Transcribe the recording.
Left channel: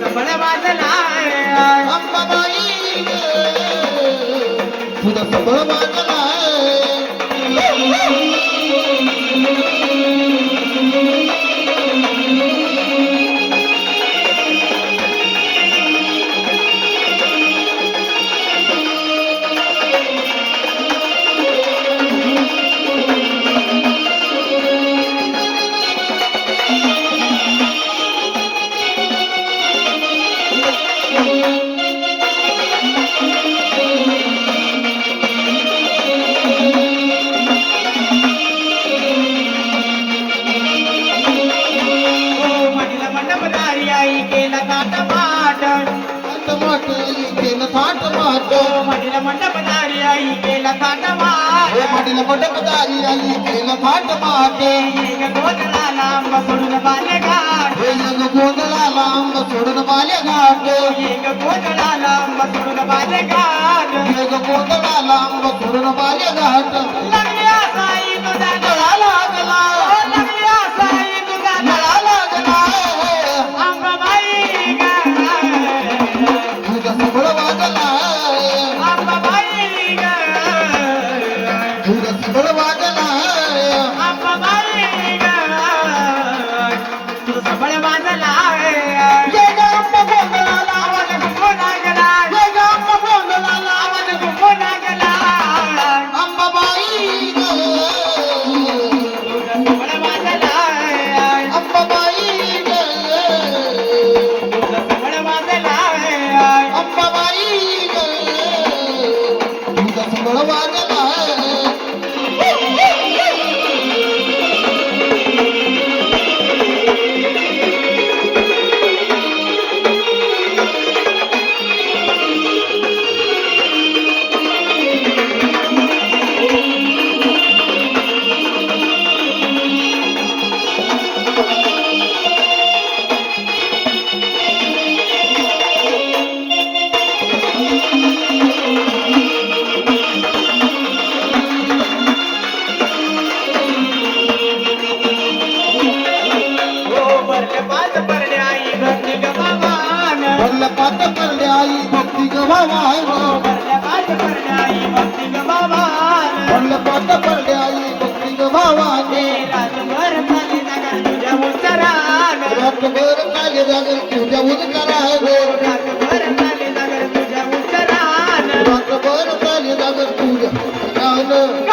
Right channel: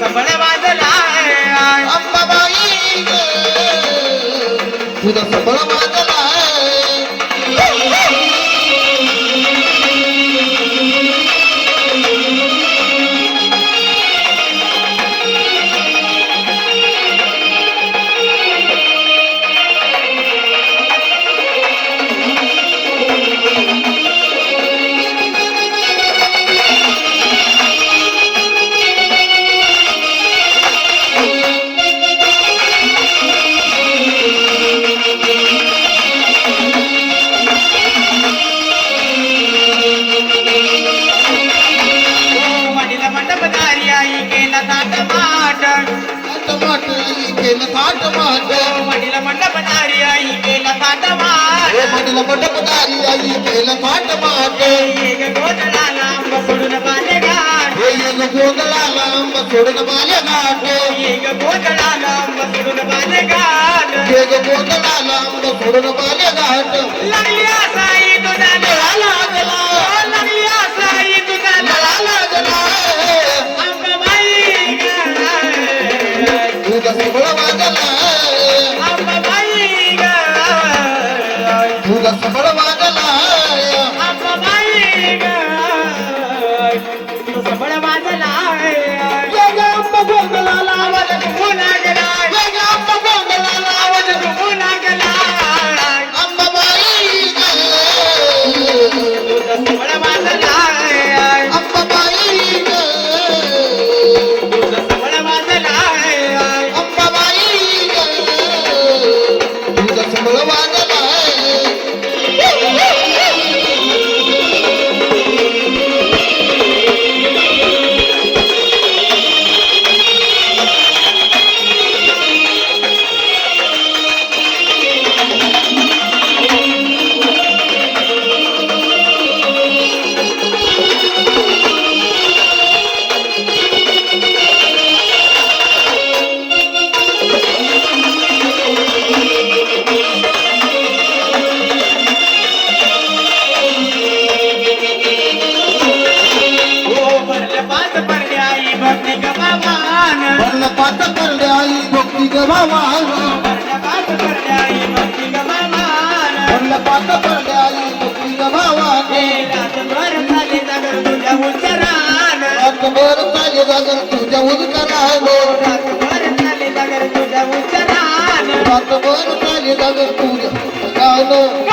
सबळ वाजला. अंबाबाई तुझा सबळ मंडपदारी आई केला माट वडील मंडपदारी आई केलं थाट माट एक गोधळा लांब सोडून पाले घाट. हे एक गोंधळा लांब सोडून माले घाट. एक गोधळा लांब सोडून पाले घाट. एक गोंधळा लांब सोडून माले घाट. लागली असाई तुझा लागला लागली तुझा पात पडले आई भक्ती ग भावान भरले पाच आई भक्ती गमान वरला पात पडले आई भक्ती ग भावान रातभर चाले नगर तुझ्या उच्चरान रातभर चाले तुझ्या उदकरान रातभर चाले तुझ्या उच्चरान रातभर चाले तुझ्या